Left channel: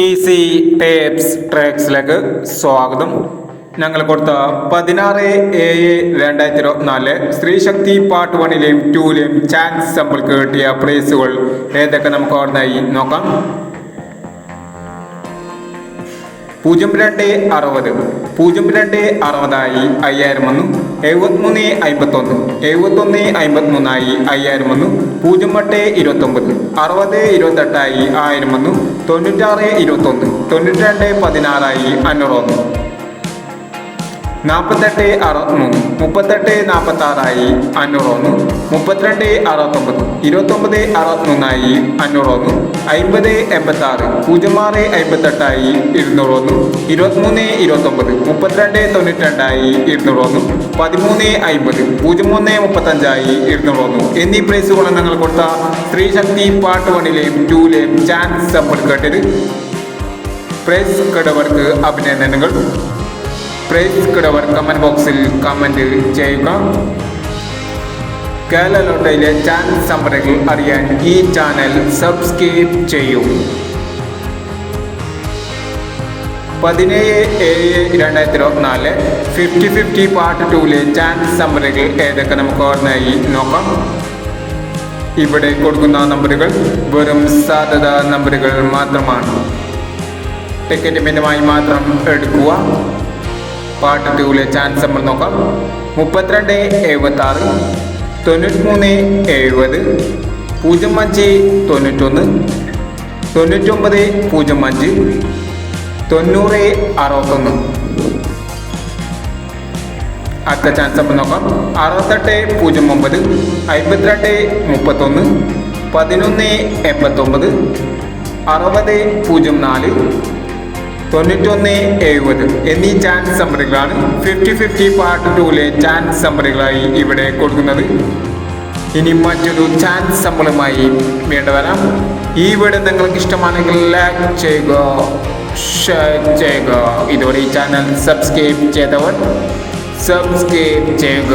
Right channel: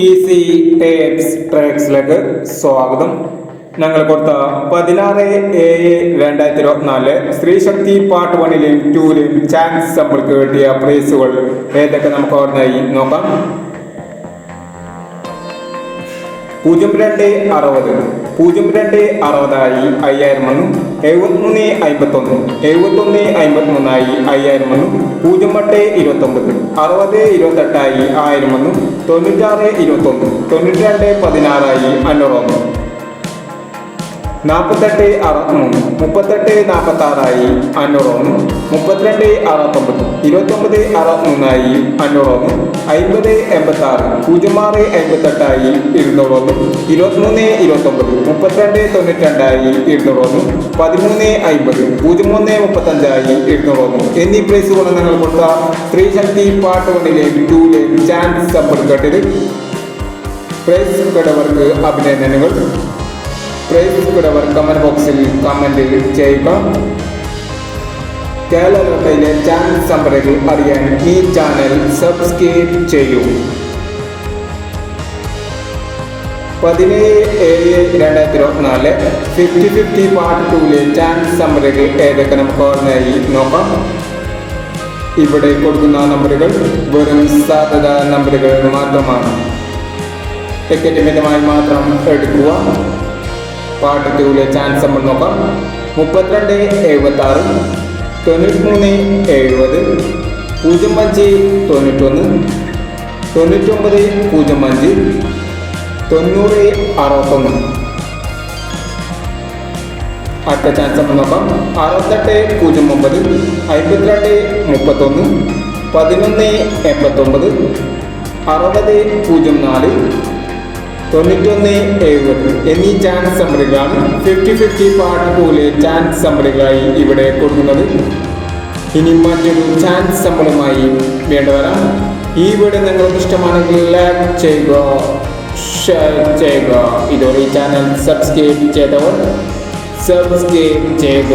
Easy tapes ട്രാക്സിലേക്ക് സ്വാഗതം. ഞങ്ങൾ കൊടുത്ത 16/7/2024 സ്ത്രീശക്തി പാർട്ട് 1ലെയും 2ലെയും ചാൻസ് നമ്മൾക്ക് കിട്ടിയ പ്രൈസുകൾ ഏതൊക്കെ നമുക്ക് ഓർമ്മയായി നോക്കാം. 0260 0260 5000 വന്നു. 7351 7153 5000 വന്നു. 0829 6028 1000 വന്നു. 9621 9216 500 വന്നു. 4863 3846 500 വന്നു. 3269 2963 500 വന്നു. 5086 0658 200 വന്നു. 2329 3292 200 വന്നു. 1350 0335 200 വന്നു എന്നീ പ്രൈസുകൾ ഞങ്ങൾ കൊടുത്ത സ്ത്രീശക്തി പാർട്ട് 1ലെയും 2ലെയും ചാൻസ് സമ്പത്ത് കേട്ടത്. പ്രൈസ് കിടവർക്ക് അഭിനന്ദനങ്ങൾ. പ്രൈസ് കിടവർ കമന്റ് ബോക്സിൽ കമന്റ് ചെയ്യുക. കേരള ലോട്ടറിയിലെ ചാൻസ് നമ്പറുകൾ അറിയാൻ ഈ ചാനൽ സബ്സ്ക്രൈബ് ചെയ്യൂ. 17/7/2024 50-50 പാർട്ട് 2ലെ ചാൻസ് നമ്പറുകൾ ഏതൊക്കെ നമുക്ക് ഓർമ്മയായി നോക്കാം. ഇവിടെ കൊടുക്കുന്ന നമ്പറുകൾ വെറും സാധ്യത നമ്പറുകൾ മാത്രമാണ്. ടിക്കറ്റ് മിതമായി മാത്രം എടുക്കുക. പാർട്ട് 2ലെ ചാൻസ് നമ്പർ നോക്കാം. 3276 9370 0591 9905 9061. അടുത്ത ചാൻസ് നമ്പർ നോക്കാം. 6809 5231 1189 6004 9170 എന്നീ ചാൻസ് നമ്പറുകളാണ് 50-50 പാർട്ട് 2ലെ ചാൻസ് നമ്പറുകളായി ഇവിടെ കൊടുക്കുന്നത്. ഇനി മറ്റൊരു ചാൻസ് നമ്പറുമായി വീണ്ടും വരാം. ഈ വീഡിയോ നിങ്ങൾക്ക് ഇഷ്ടമാണെങ്കിൽ ലൈക്ക് ചെയ്യുക, ഷെയർ ചെയ്യുക. ഇതോടെ ഈ ചാനൽ സബ്സ്ക്രൈബ് ചെയ്തവർ സബ്സ്ക്രൈബ് ചെയ്യുക.